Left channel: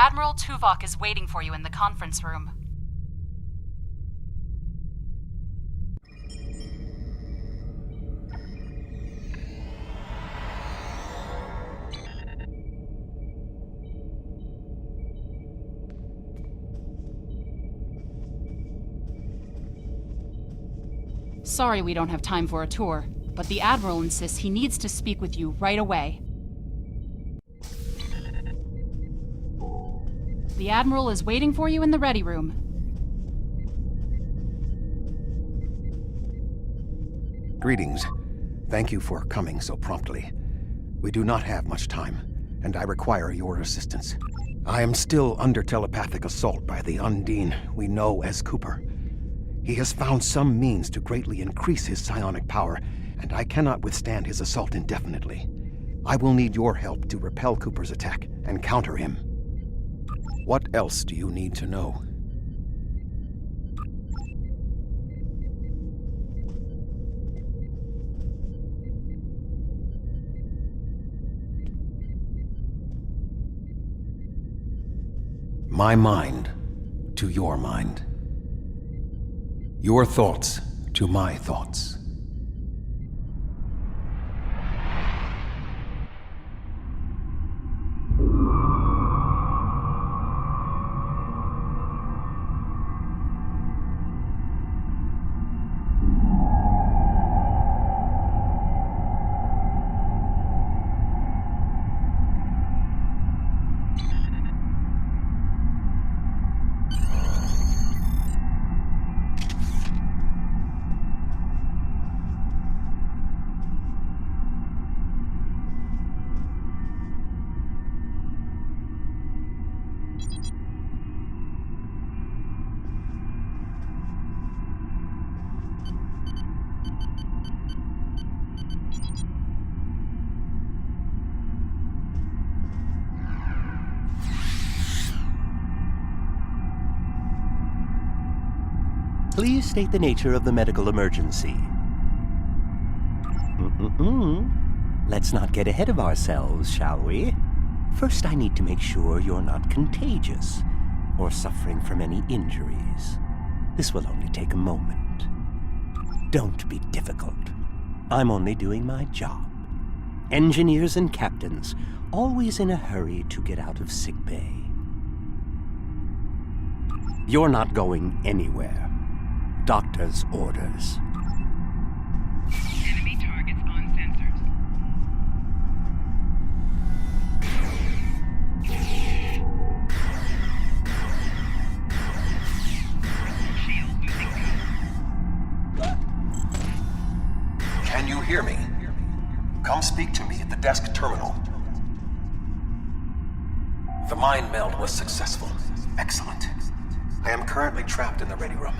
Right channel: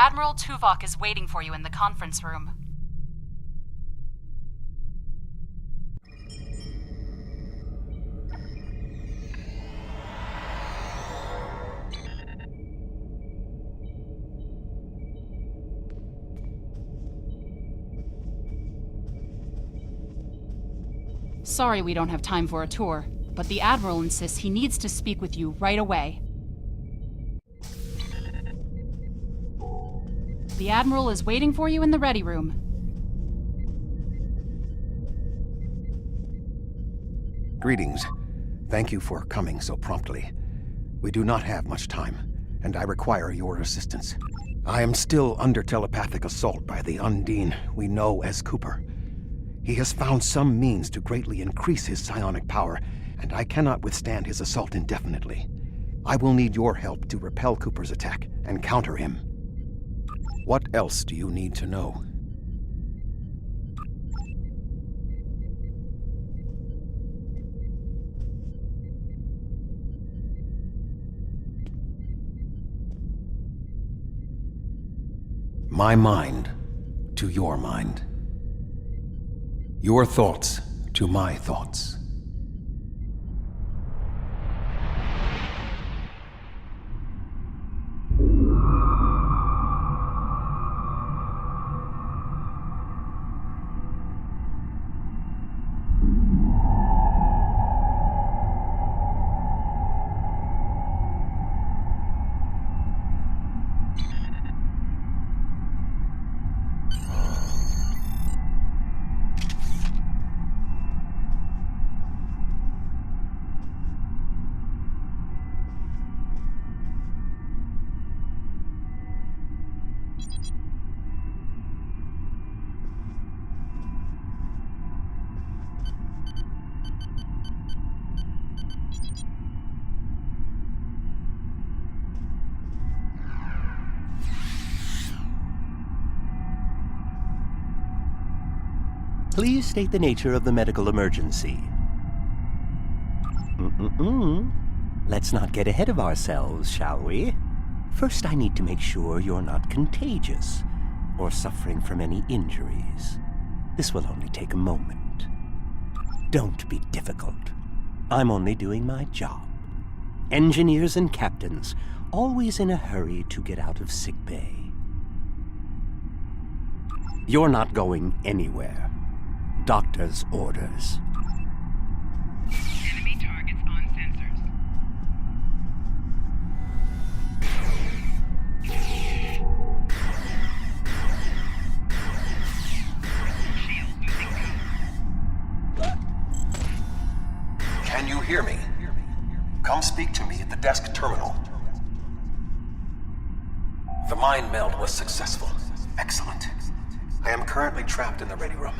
Admiral Tuvok is waiting for you in the conference room. Sorry we don't have time for a tour, but the Admiral insists he needs to speak with you right away. The Admiral is waiting for you in the ready room. Greetings. Thank you for coming so promptly. We do not have much time, and I require your assistance. I am still under telepathic assault by the Undine we know as Cooper. He has found some means to greatly increase his psionic power, and I cannot withstand his assault indefinitely. I will need your help to repel Cooper's attack and counter him. What else do you need to know? My mind to your mind. Your thoughts to my thoughts. Please state the nature of the medical emergency. Let's not get ahead of ourselves, shall we? First, I need to make sure you're not contagious or suffering from any injuries. This will only take a moment. Don't be difficult. I'm only doing my job. Engineers and captains, always in a hurry to get out of sickbay. You're not going anywhere. Doctor's orders. Enemy targets on sensors. Shield losing power. Can you hear me? Come speak to me at the desk terminal. The mind meld was successful. Excellent. I am currently trapped in the ready room.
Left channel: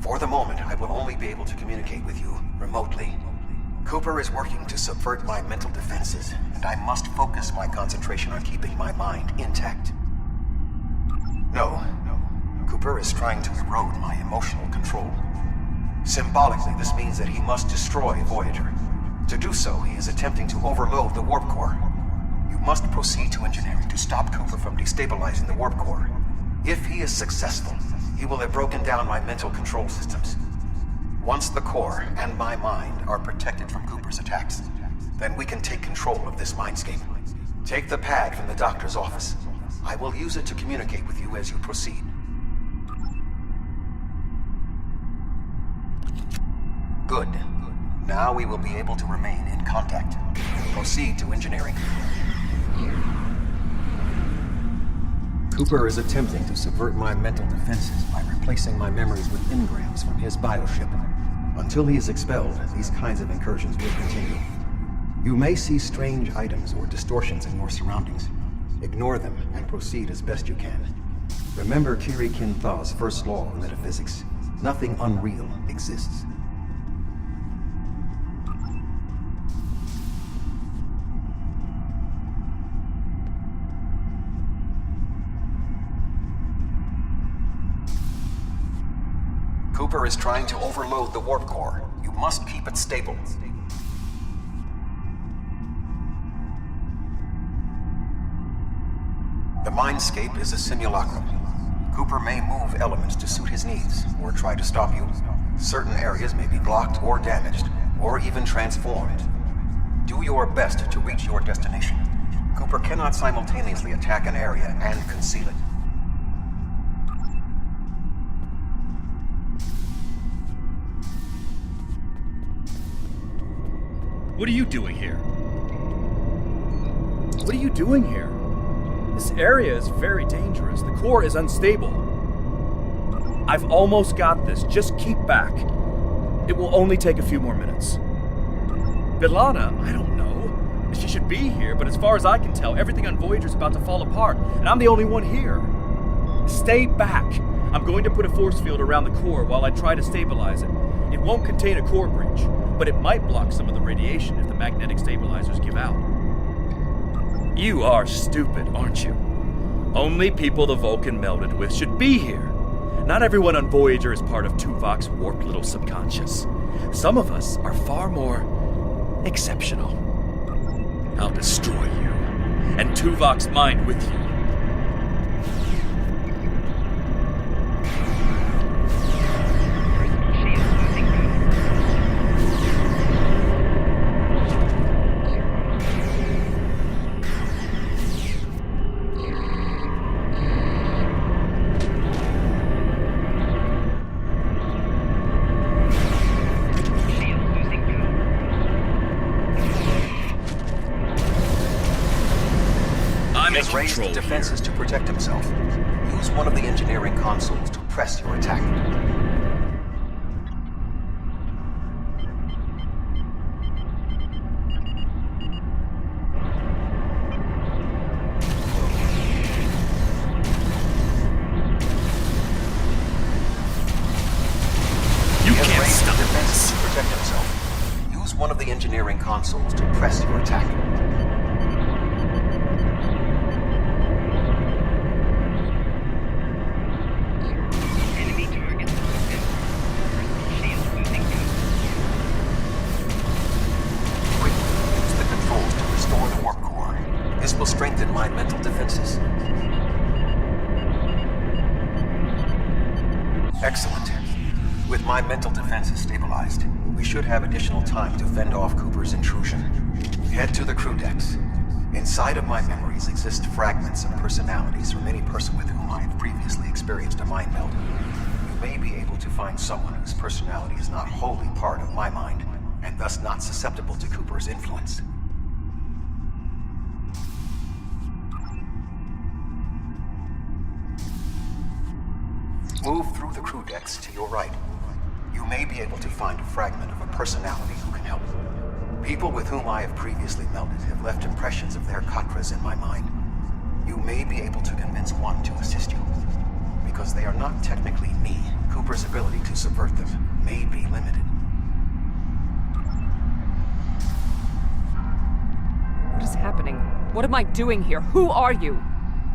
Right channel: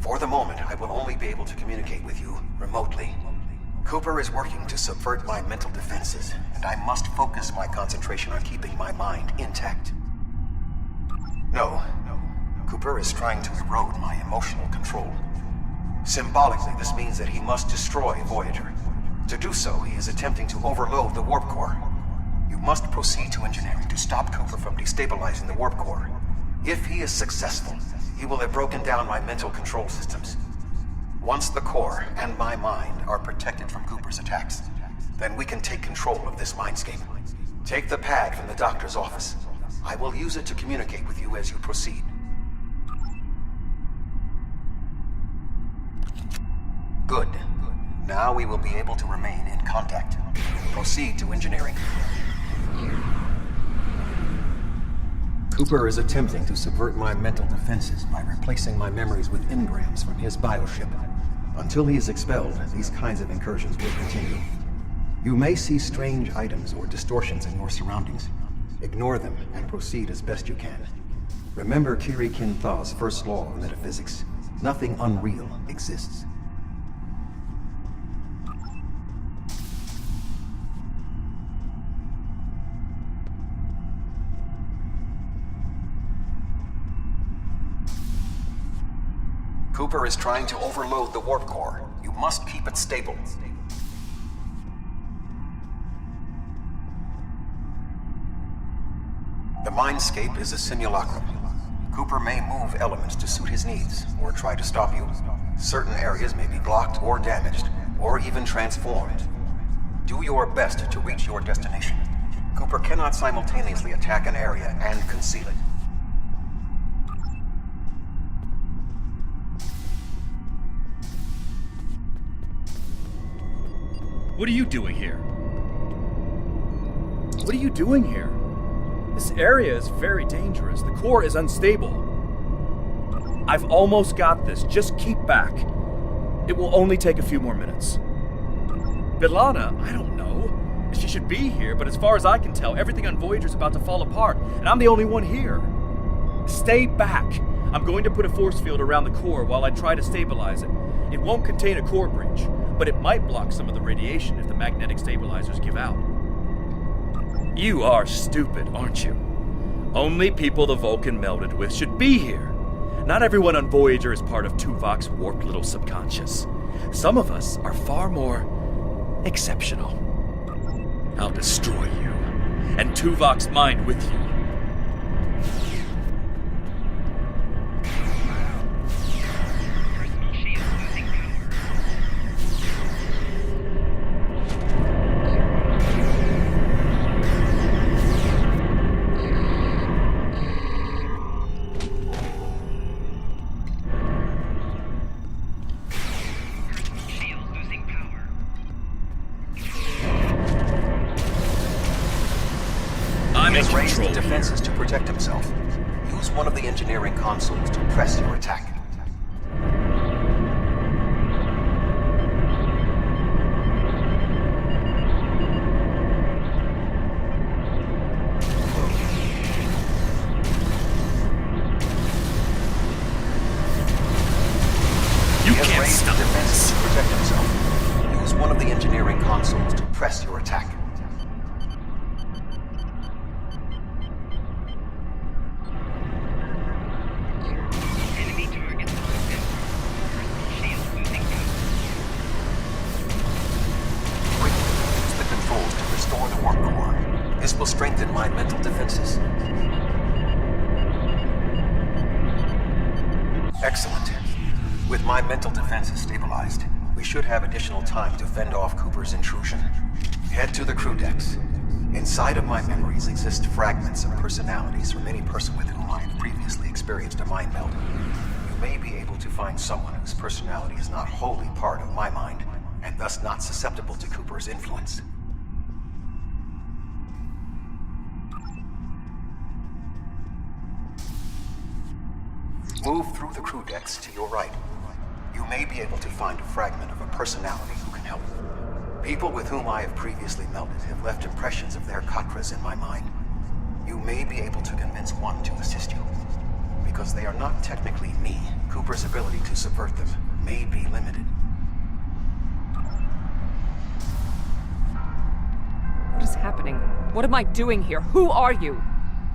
For the moment, I will only be able to communicate with you remotely. Cooper is working to subvert my mental defenses, and I must focus my concentration on keeping my mind intact. No. Cooper is trying to erode my emotional control. Symbolically, this means that he must destroy Voyager. To do so, he is attempting to overload the warp core. You must proceed to engineering to stop Cooper from destabilizing the warp core. If he is successful, he will have broken down my mental control systems. Once the core and my mind are protected from Cooper's attacks, then we can take control of this mindscape. Take the pad from the doctor's office. I will use it to communicate with you as you proceed. Good. Now we will be able to remain in contact. Proceed to engineering. Cooper is attempting to subvert my mental defenses by replacing my memories with engrams from his bioship. Until he is expelled, these kinds of incursions will continue. You may see strange items or distortions in your surroundings. Ignore them and proceed as best you can. Remember Kiri Kin-Thaw's first law of metaphysics. Nothing unreal exists. Cooper is trying to overload the warp core. You must keep it stable. The Mindscape is a simulacrum. Cooper may move elements to suit his needs, or try to stop you. Certain areas may be blocked or damaged, or even transformed. Do your best to reach your destination. Cooper cannot simultaneously attack an area and conceal it. What are you doing here? What are you doing here? This area is very dangerous. The core is unstable. I've almost got this. Just keep back. It will only take a few more minutes. Bilana, I don't know. She should be here, but as far as I can tell, everything on Voyager's about to fall apart, and I'm the only one here. Stay back. I'm going to put a force field around the core while I try to stabilize it. It won't contain a core breach, but it might block some of the radiation if the magnetic stabilizers give out. You are stupid, aren't you? Only people the Vulcan melded with should be here. Not everyone on Voyager is part of Tuvok's warped little subconscious. Some of us are far more exceptional. I'll destroy you, and Tuvok's mind with you. Personal shield losing power. Shield losing power. I'm He in has raised control here. defenses to protect himself. Use one of the engineering consoles to press your attack. You He has can't raised stop defenses this. to protect himself. Use one of the engineering consoles to press your attack. Enemy targets on center. Personal shield losing power. Quickly use the controls to restore the warp core. This will strengthen my mental defenses. Excellent. With my mental defenses stabilized, we should have additional time to fend off Cooper's intrusion. Head to the crew decks. Inside of my memories exist fragments of personalities from any person with whom I have previously experienced a mind meld. You may be able to find someone whose personality is not wholly part of my mind, and thus not susceptible to Cooper's influence. Move through the crew decks to your right. You may be able to find a fragment of a personality who can help. People with whom I have previously melded have left impressions of their Katras in my mind. You may be able to convince one to assist you. Because they are not technically me, Cooper's ability to subvert them may be limited. What is happening? What am I doing here? Who are you?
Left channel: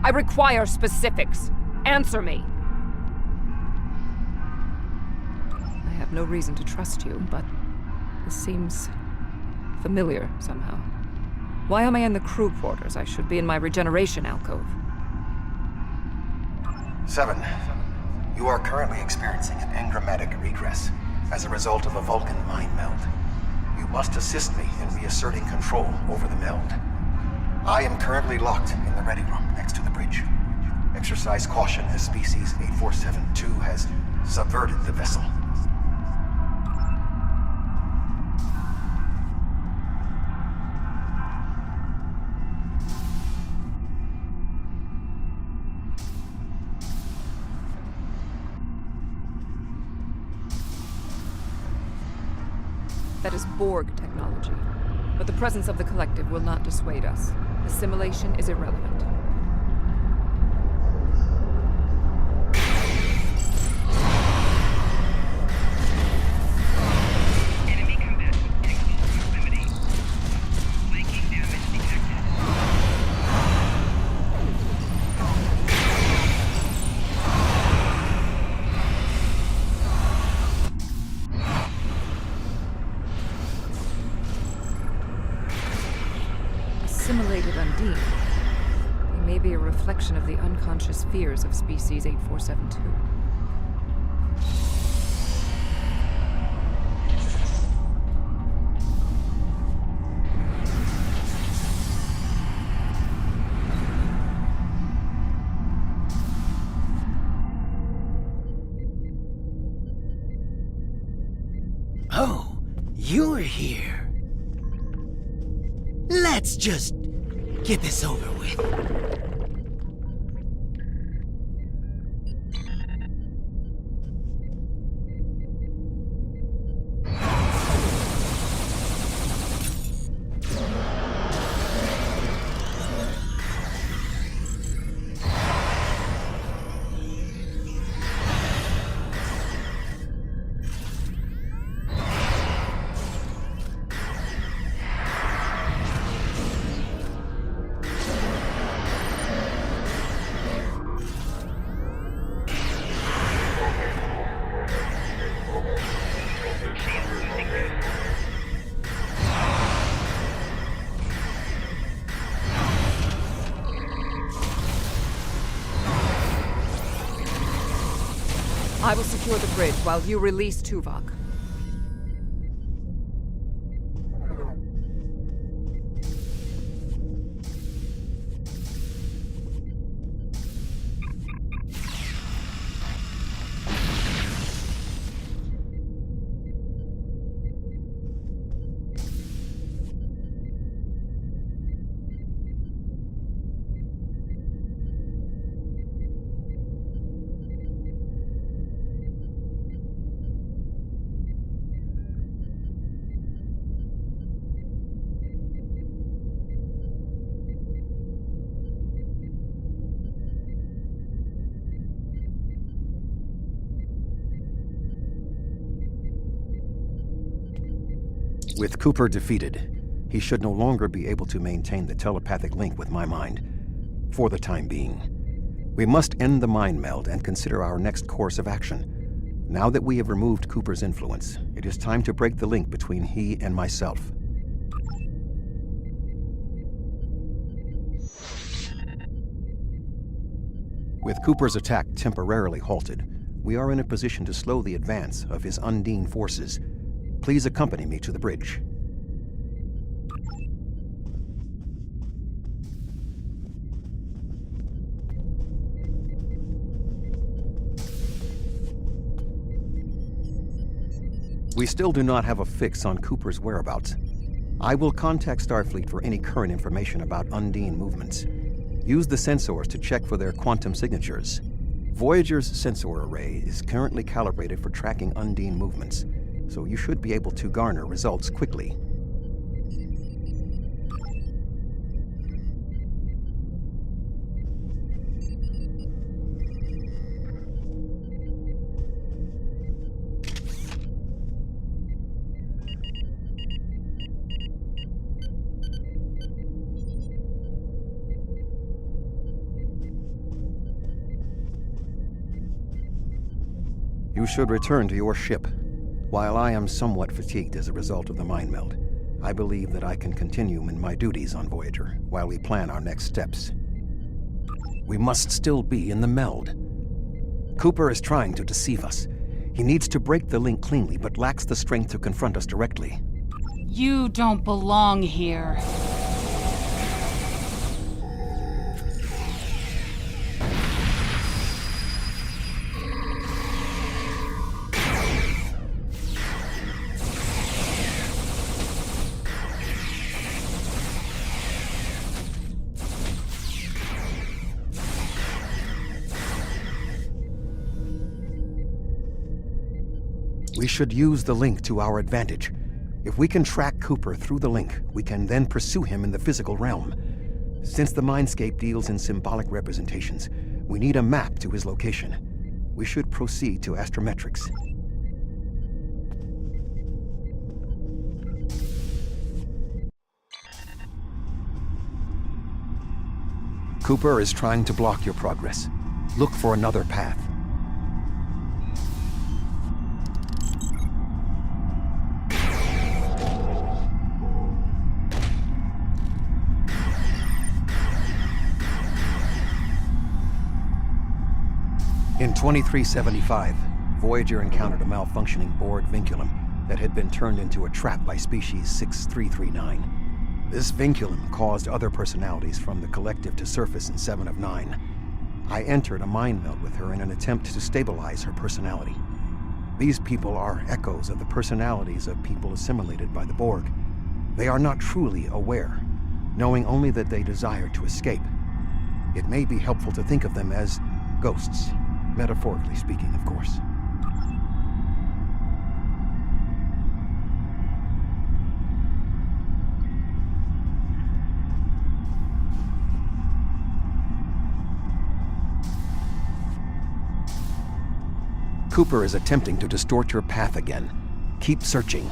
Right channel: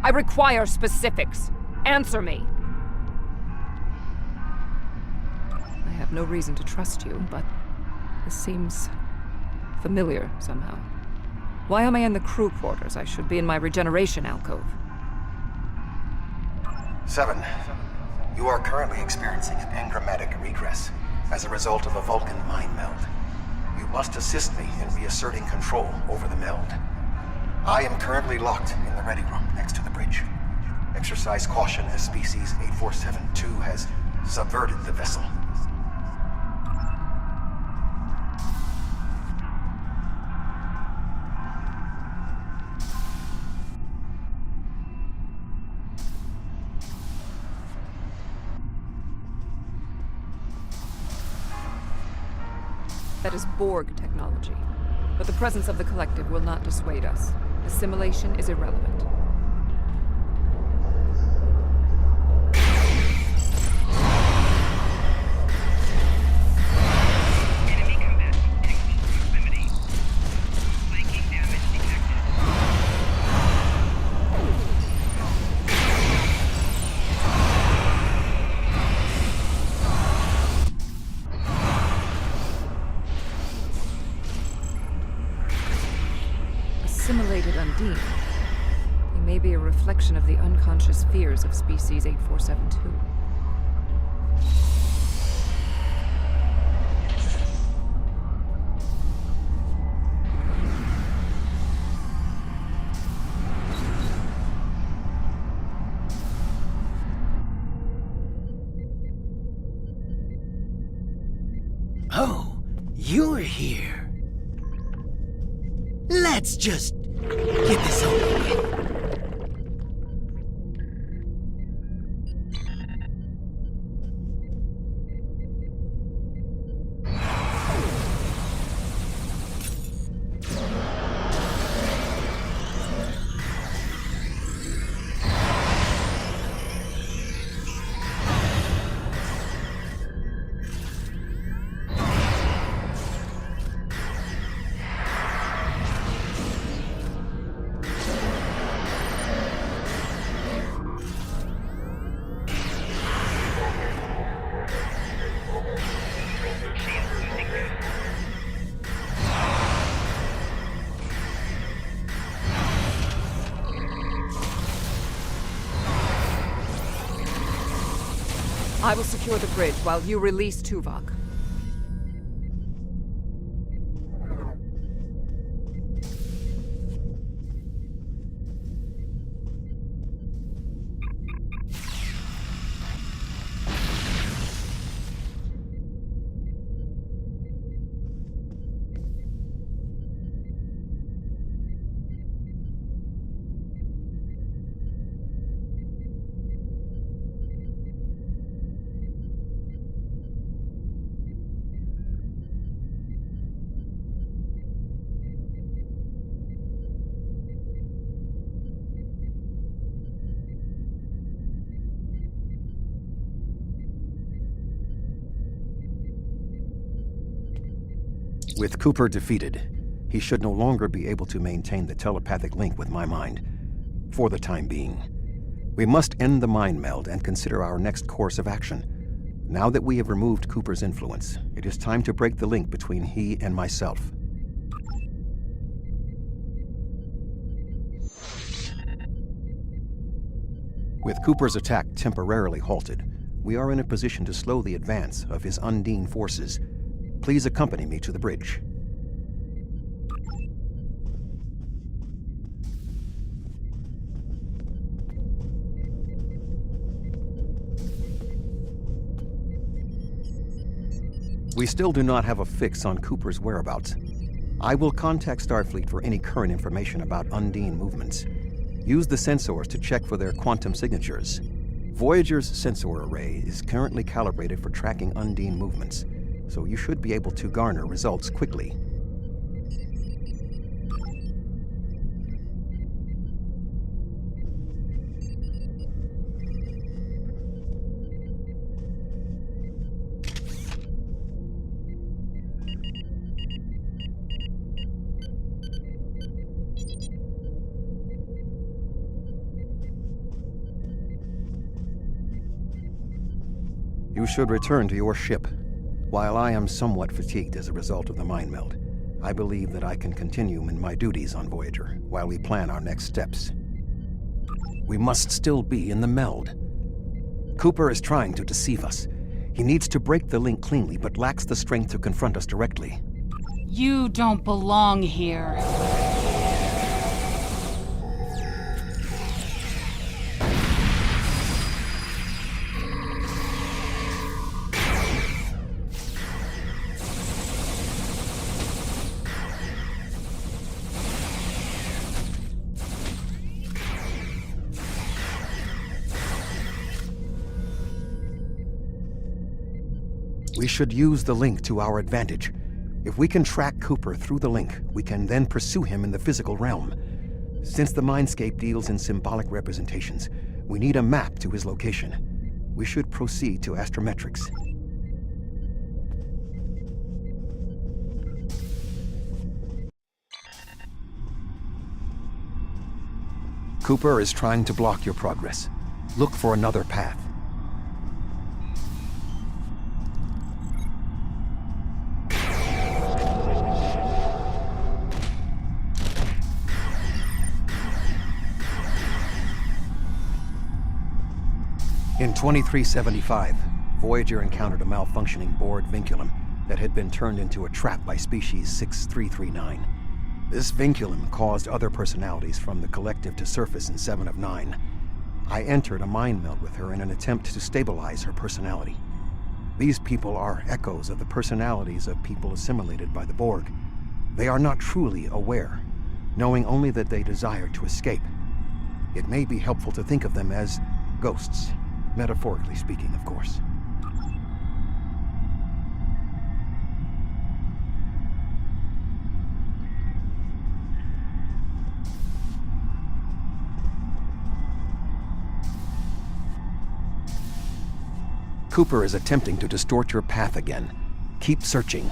I require specifics. Answer me. I have no reason to trust you, but this seems familiar somehow. Why am I in the crew quarters? I should be in my regeneration alcove. 7. You are currently experiencing an engrammatic regress as a result of a Vulcan mind meld. You must assist me in reasserting control over the meld. I am currently locked in the ready room next to the bridge. Exercise caution as Species 8472 has subverted the vessel. That is Borg technology. But the presence of the collective will not dissuade us. Assimilation is irrelevant. Enemy combatant in close proximity. Flanking damage detected. Assimilated Undine. They may be a reflection of the unconscious fears of species 8472. Oh, you're here. Let's just get this over with. I will secure the bridge while you release Tuvok. With Cooper defeated, he should no longer be able to maintain the telepathic link with my mind, for the time being. We must end the mind meld and consider our next course of action. Now that we have removed Cooper's influence, it is time to break the link between he and myself. With Cooper's attack temporarily halted, we are in a position to slow the advance of his Undine forces. Please accompany me to the bridge. We still do not have a fix on Cooper's whereabouts. I will contact Starfleet for any current information about Undine movements. Use the sensors to check for their quantum signatures. Voyager's sensor array is currently calibrated for tracking Undine movements, so you should be able to garner results quickly. You should return to your ship. While I am somewhat fatigued as a result of the mind meld, I believe that I can continue in my duties on Voyager while we plan our next steps. We must still be in the meld. Cooper is trying to deceive us. He needs to break the link cleanly, but lacks the strength to confront us directly. You don't belong here. We should use the link to our advantage. If we can track Cooper through the link, we can then pursue him in the physical realm. Since the Mindscape deals in symbolic representations, we need a map to his location. We should proceed to astrometrics. Cooper is trying to block your progress. Look for another path. In 2375, Voyager encountered a malfunctioning Borg vinculum that had been turned into a trap by species 6339. This vinculum caused other personalities from the collective to surface in 7 of 9. I entered a mind meld with her in an attempt to stabilize her personality. These people are echoes of the personalities of people assimilated by the Borg. They are not truly aware, knowing only that they desire to escape. It may be helpful to think of them as ghosts, metaphorically speaking, of course. Cooper is attempting to distort your path again. Keep searching.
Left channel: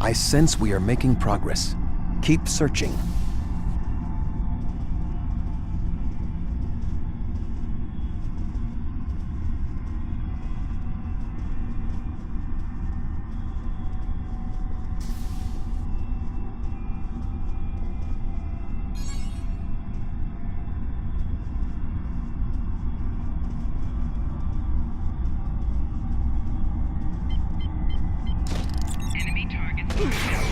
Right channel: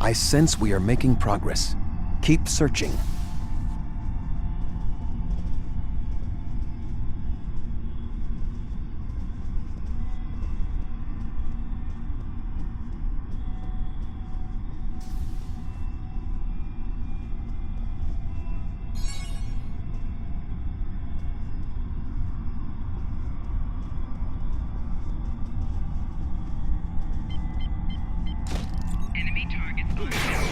I sense we are making progress. Keep searching. Enemy targets marked down.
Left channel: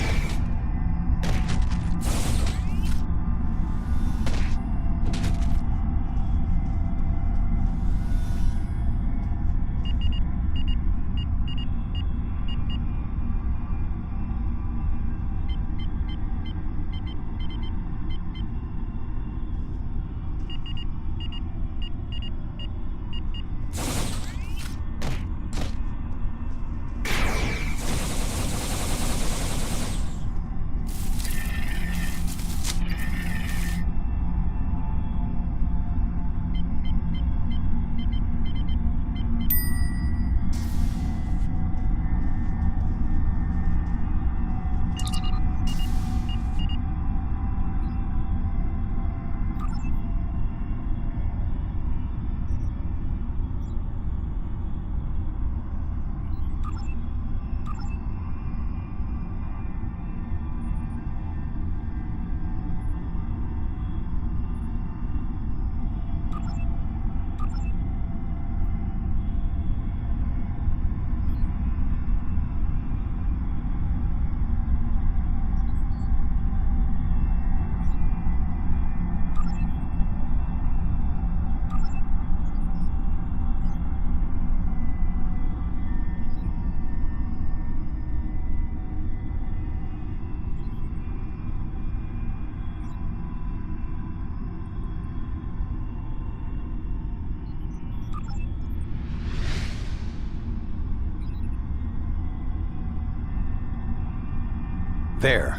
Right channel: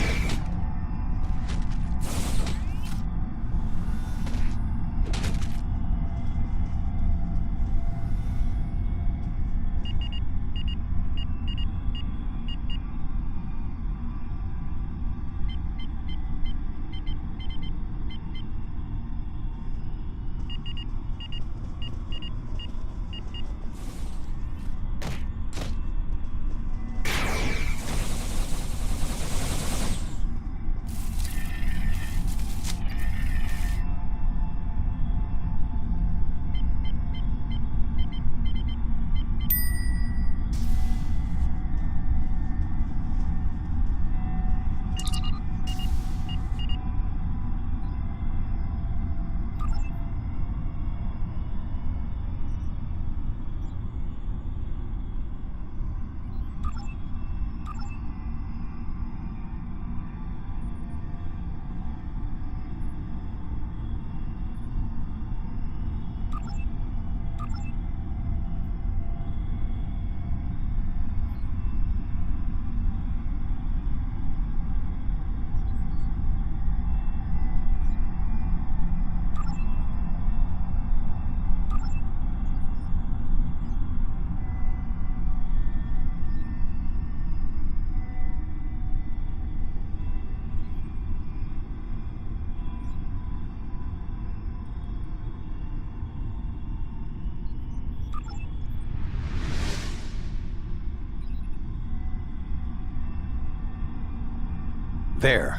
There.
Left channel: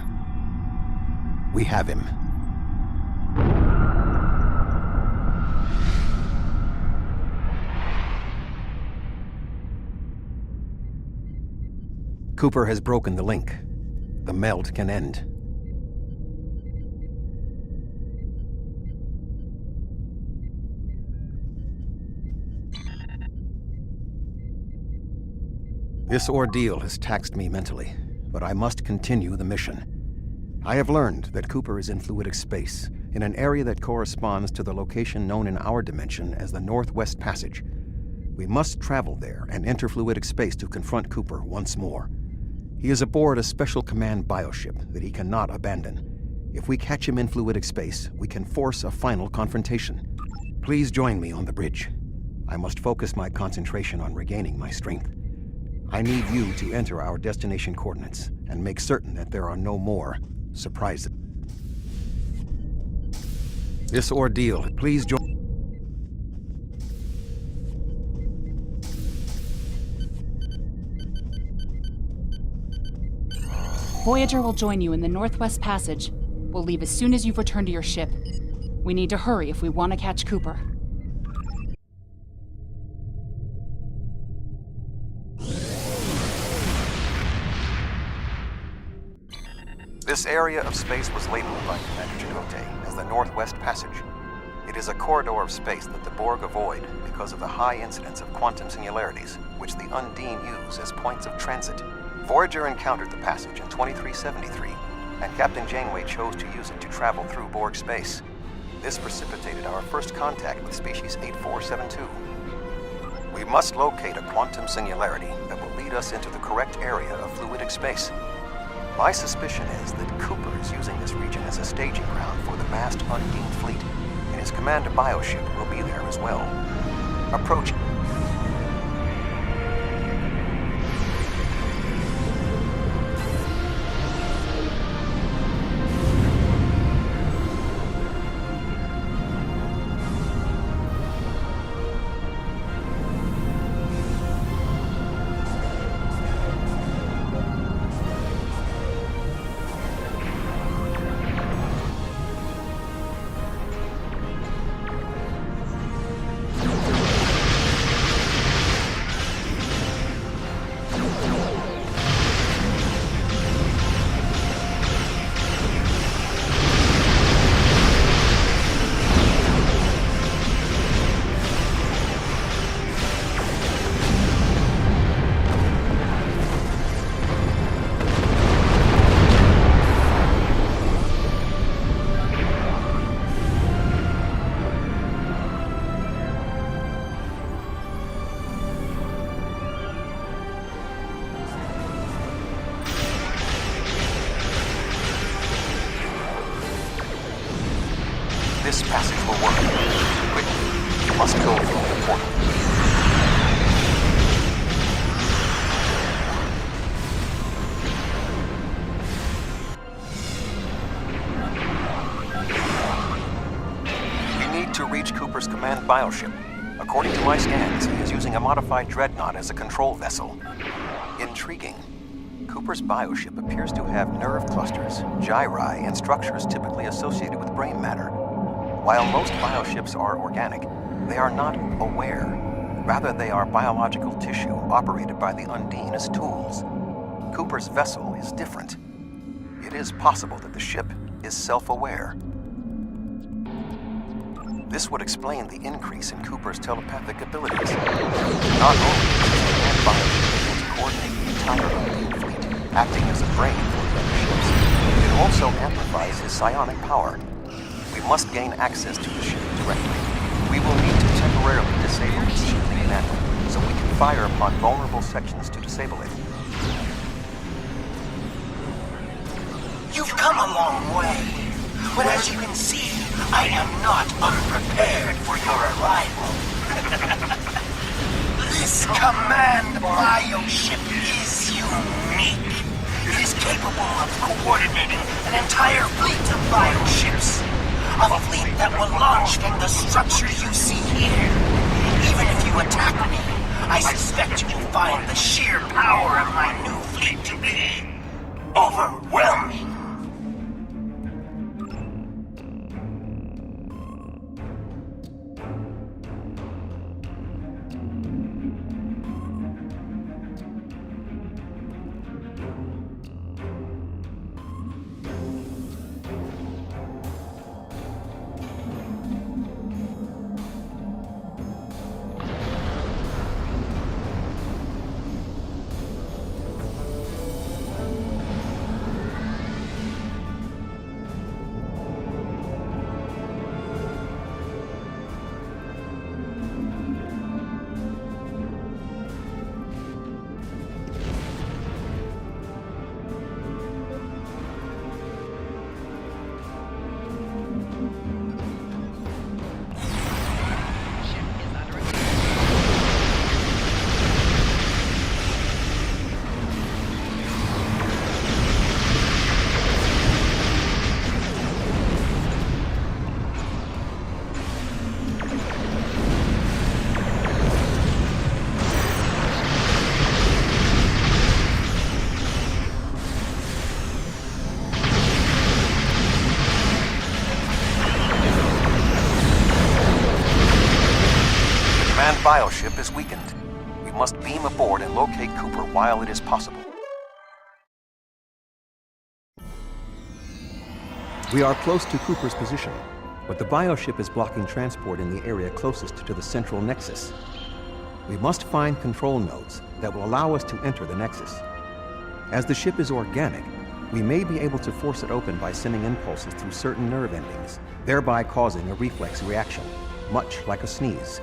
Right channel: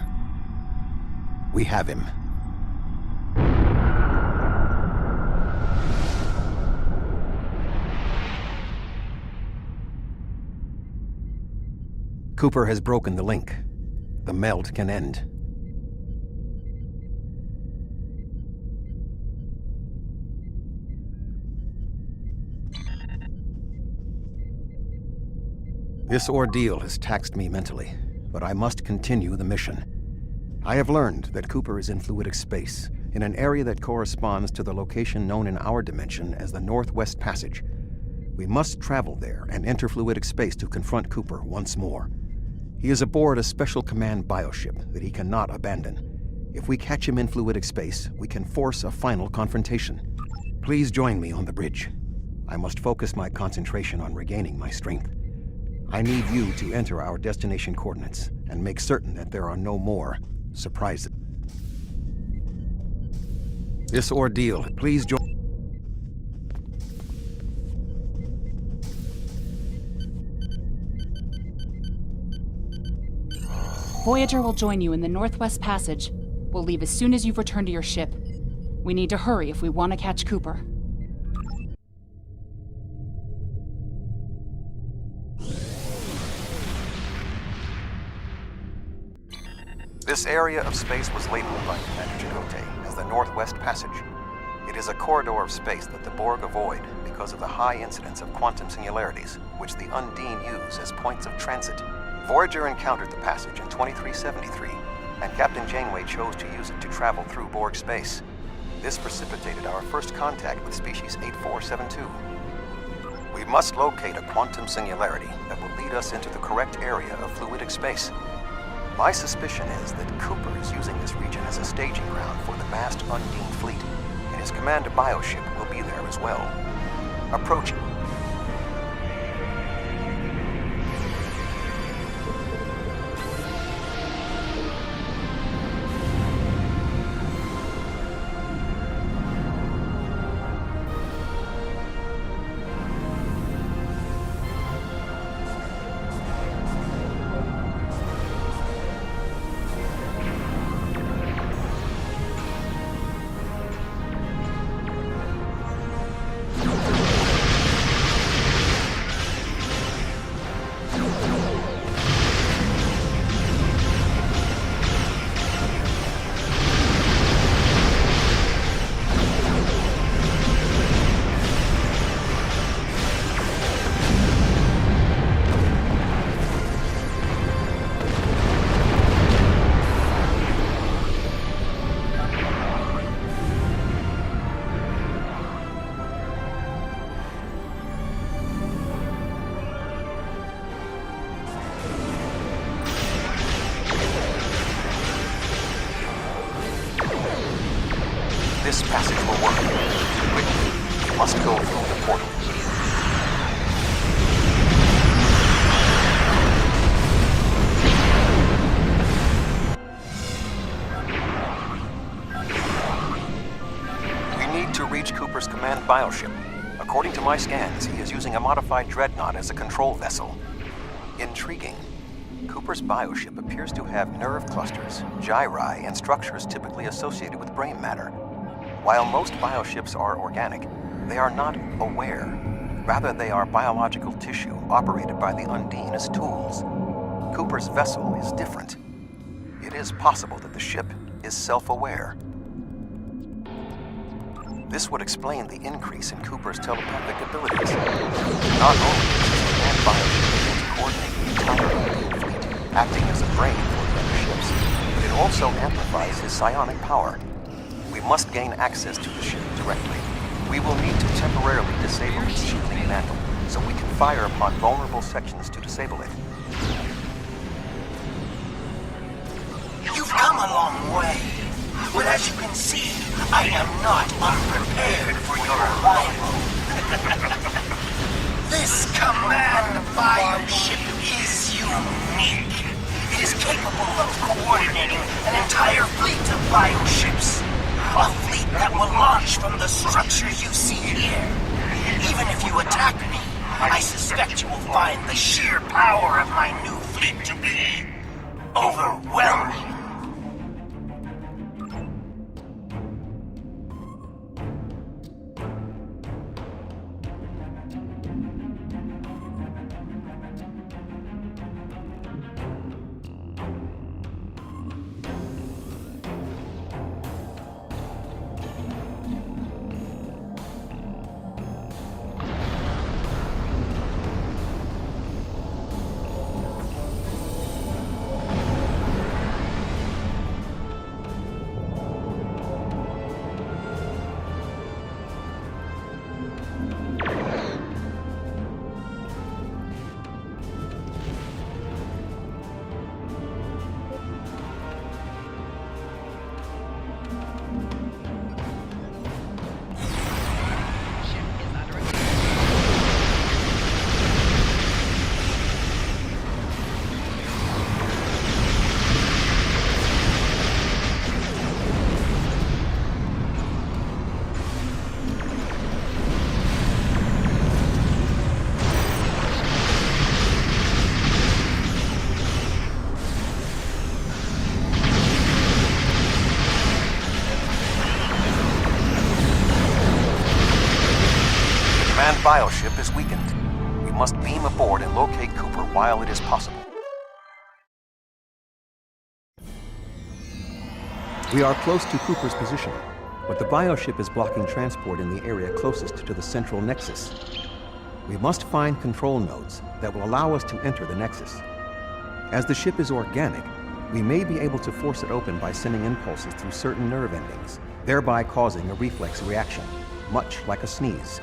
We have him. Cooper has broken the link. The meld can end. This ordeal has taxed me mentally, but I must continue the mission. I have learned that Cooper is in fluidic space, in an area that corresponds to the location known in our dimension as the Northwest Passage. We must travel there and enter fluidic space to confront Cooper once more. He is aboard a special command bioship that he cannot abandon. If we catch him in fluidic space, we can force a final confrontation. Please join me on the bridge. I must focus my concentration on regaining my strength. I need you to enter our destination coordinates and make certain that there are no more surprises. This ordeal, please join. Voyager will join you in the Northwest Passage. We'll leave as soon as you've returned to your ship. We need to hurry if we want to catch Cooper. This area of space was labeled by Commander Chakotay as the Northwest Passage. It is a corridor of space that the Borg avoid because of the high incidence of quantum singularities, which the Undine use as points of transit. Voyager encountered the passage in 2373, and Captain Janeway chose to use it to travel through Borg space. This precipitated our first contact with species 8472. We must locate a quantum singularity that will lead us into the correct area of fluidic space. My suspicion is that Cooper is using this region as a staging ground for the vast Undine fleet, and his command bioship will be there as well. Approach. This passage will work. Quickly, we must go through the portal. We need to reach Cooper's command bioship. According to my scans, he is using a modified dreadnought as a control vessel. Intriguing. Cooper's bioship appears to have nerve clusters, gyri, and structures typically associated with brain matter. While most bioships are organic, they are not aware. Rather, they are biological tissue operated by the Undine as tools. Cooper's vessel is different. It is possible that the ship is self-aware. This would explain the increase in Cooper's telepathic abilities. Not only does his command bioship able to coordinate the entire Undine fleet, acting as a brain for the other ships, it also amplifies his psionic power. We must gain access to the ship directly. We will need to temporarily disable its shielding mantle, so we can fire upon vulnerable sections to disable it. You've come a long way, but as you can see, I am not unprepared for your arrival. This command bioship is unique. It is capable of coordinating an entire fleet of bioships. A fleet that will launch from the structure you see here. Even if you attack me, I suspect you will find the sheer power of my new fleet to be overwhelming. Bioship is weakened. We must beam aboard and locate Cooper while it is possible. We are close to Cooper's position, but the bioship is blocking transport in the area closest to the central nexus. We must find control nodes that will allow us to enter the nexus. As the ship is organic, we may be able to force it open by sending impulses through certain nerve endings, thereby causing a reflex reaction, much like a sneeze.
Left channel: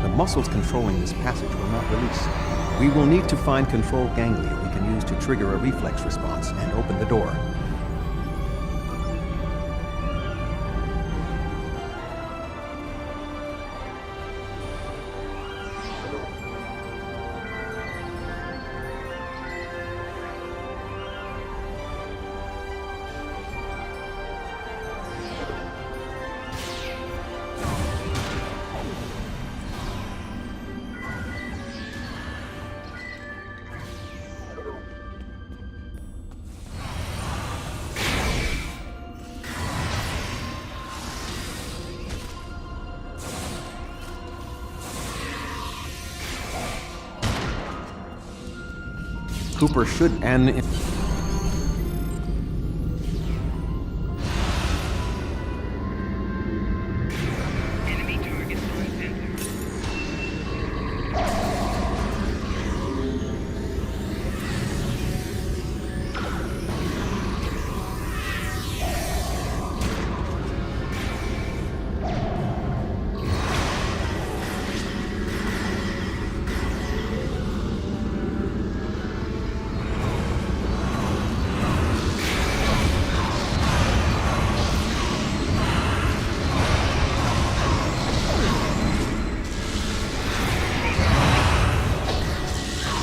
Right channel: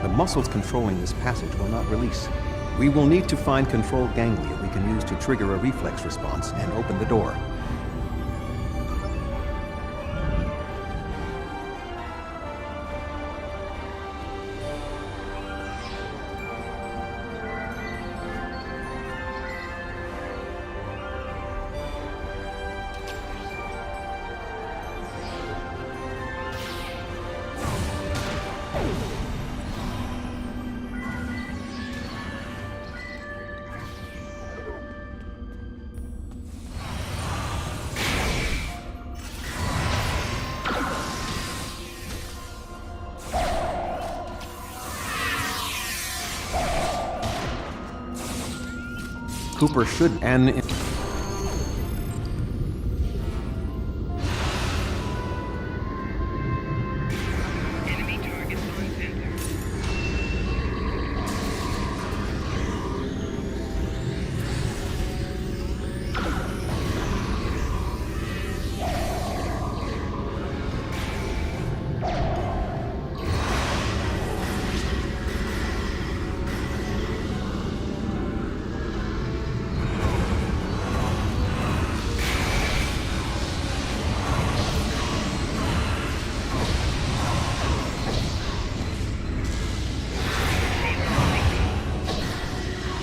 The muscles controlling this passage will not release. We will need to find control ganglia we can use to trigger a reflex response and open the door. Cooper should end. Enemy targets on center.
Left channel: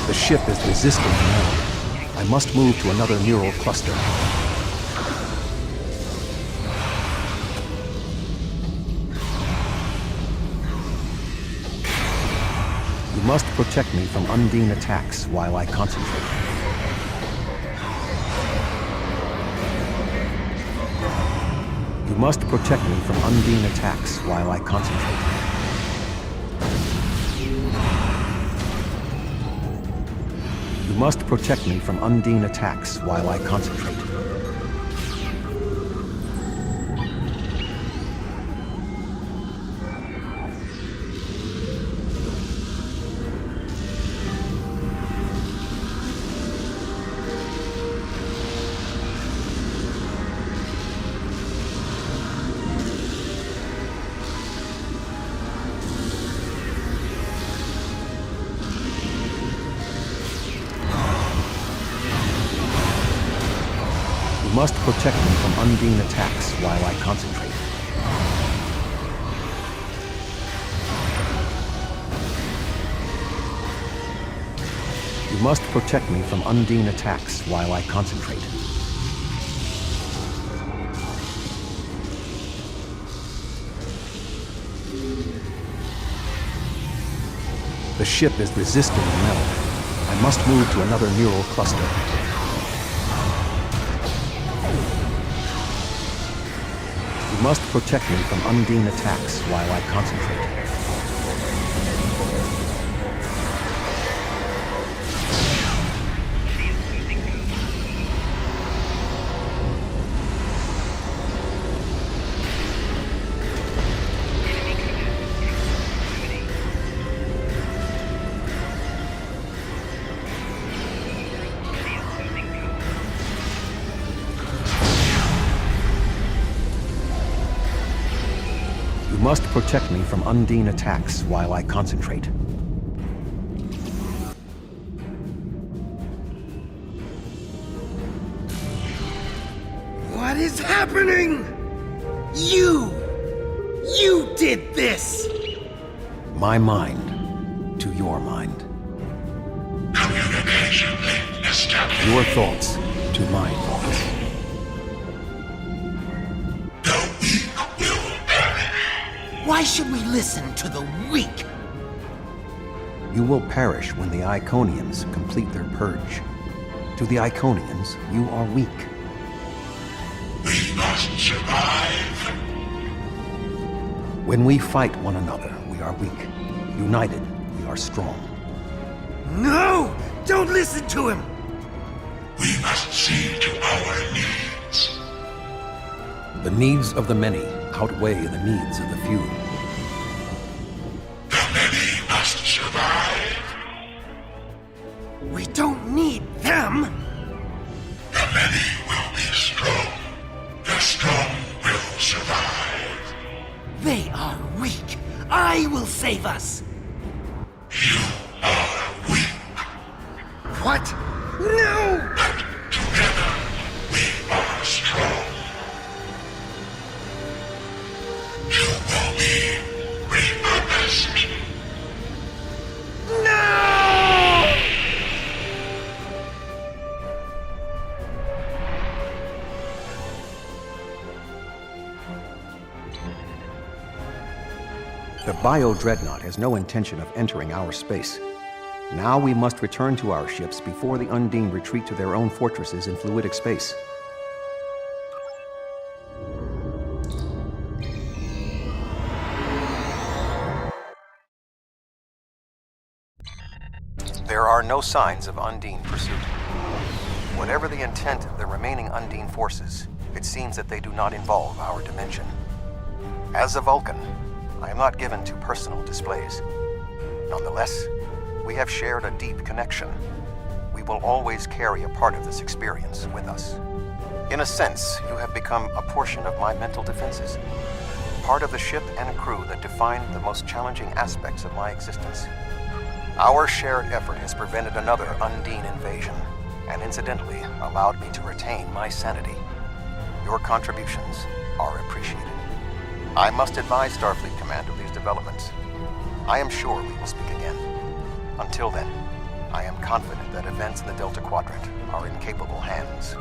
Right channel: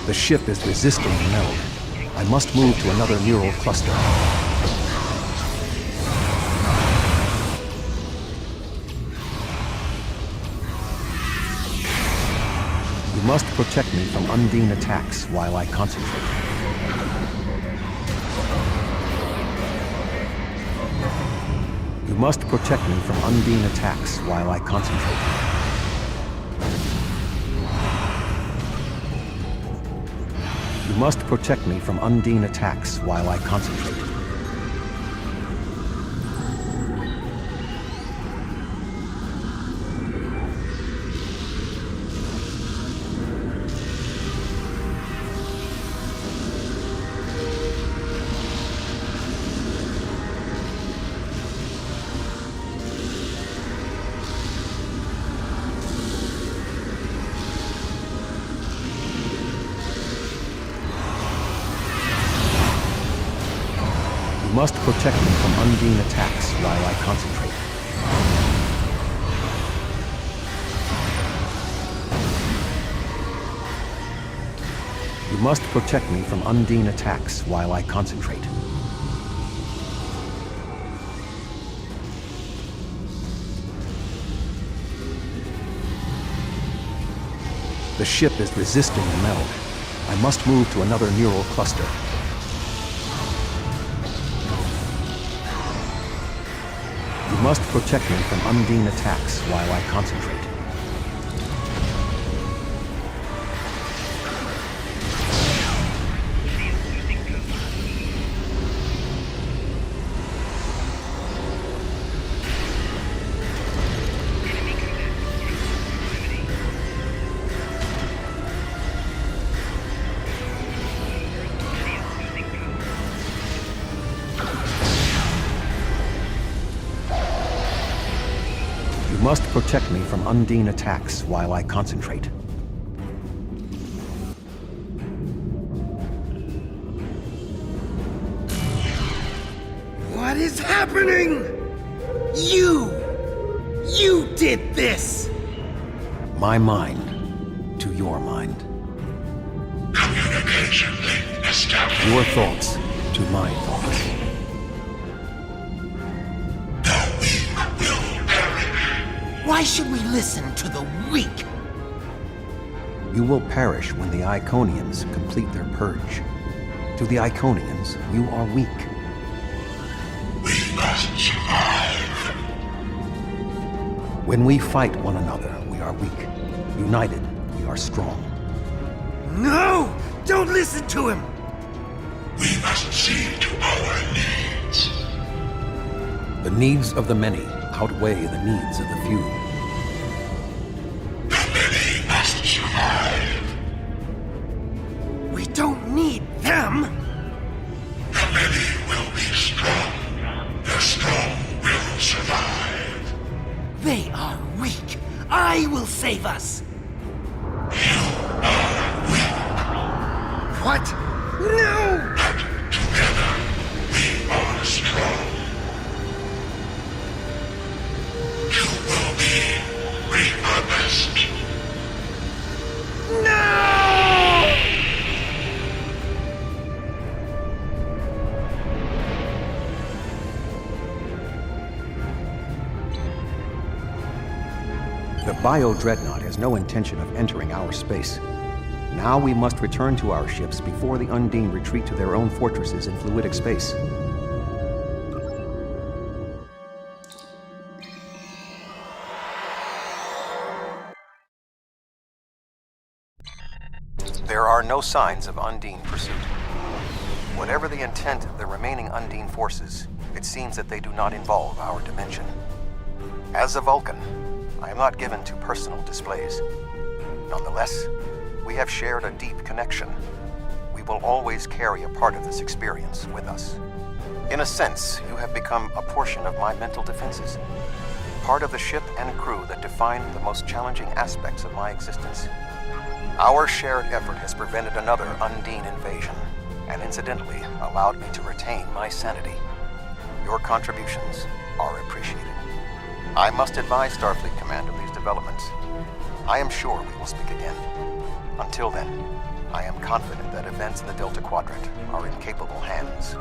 The ship is resisting the meld. I must move to another neural cluster. You must protect me from Undine attacks while I concentrate. You must protect me from Undine attacks while I concentrate. You must protect me from Undine attacks while I concentrate. You must protect me from Undine attacks while I concentrate. You must protect me from Undine attacks while I concentrate. The ship is resisting the meld. I must move to another neural cluster. You must protect me from Undine attacks while I concentrate. You must protect me from Undine attacks while I concentrate. What is happening? You did this! My mind to your mind. Communication link established. Your thoughts to my thoughts. The weak will perish. Why should we listen to the weak? You will perish when the Iconians complete their purge. To the Iconians, you are weak. We must survive. When we fight one another, we are weak. United, we are strong. No! Don't listen to him! We must see to our needs. The needs of the many outweigh the needs of the few. The many must survive. We don't need them! The many will be strong. The strong will survive. They are weak. I will save us. You are weak. What? No! But together we are strong. You will be repurposed. No! The Bio-Dreadnought has no intention of entering our space. Now we must return to our ships before the Undine retreat to their own fortresses in fluidic space. There are no signs of Undine pursuit. Whatever the intent of the remaining Undine forces, it seems that they do not involve our dimension. As a Vulcan, I am not given to personal displays. Nonetheless, we have shared a deep connection. We will always carry a part of this experience with us. In a sense, you have become a portion of my mental defenses. Part of the ship and crew that define the most challenging aspects of my existence. Our shared effort has prevented another Undine invasion, and incidentally allowed me to retain my sanity. Your contributions are appreciated. I must advise Starfleet Command of these developments. I am sure we will speak again. Until then, I am confident that events in the Delta Quadrant are in capable hands.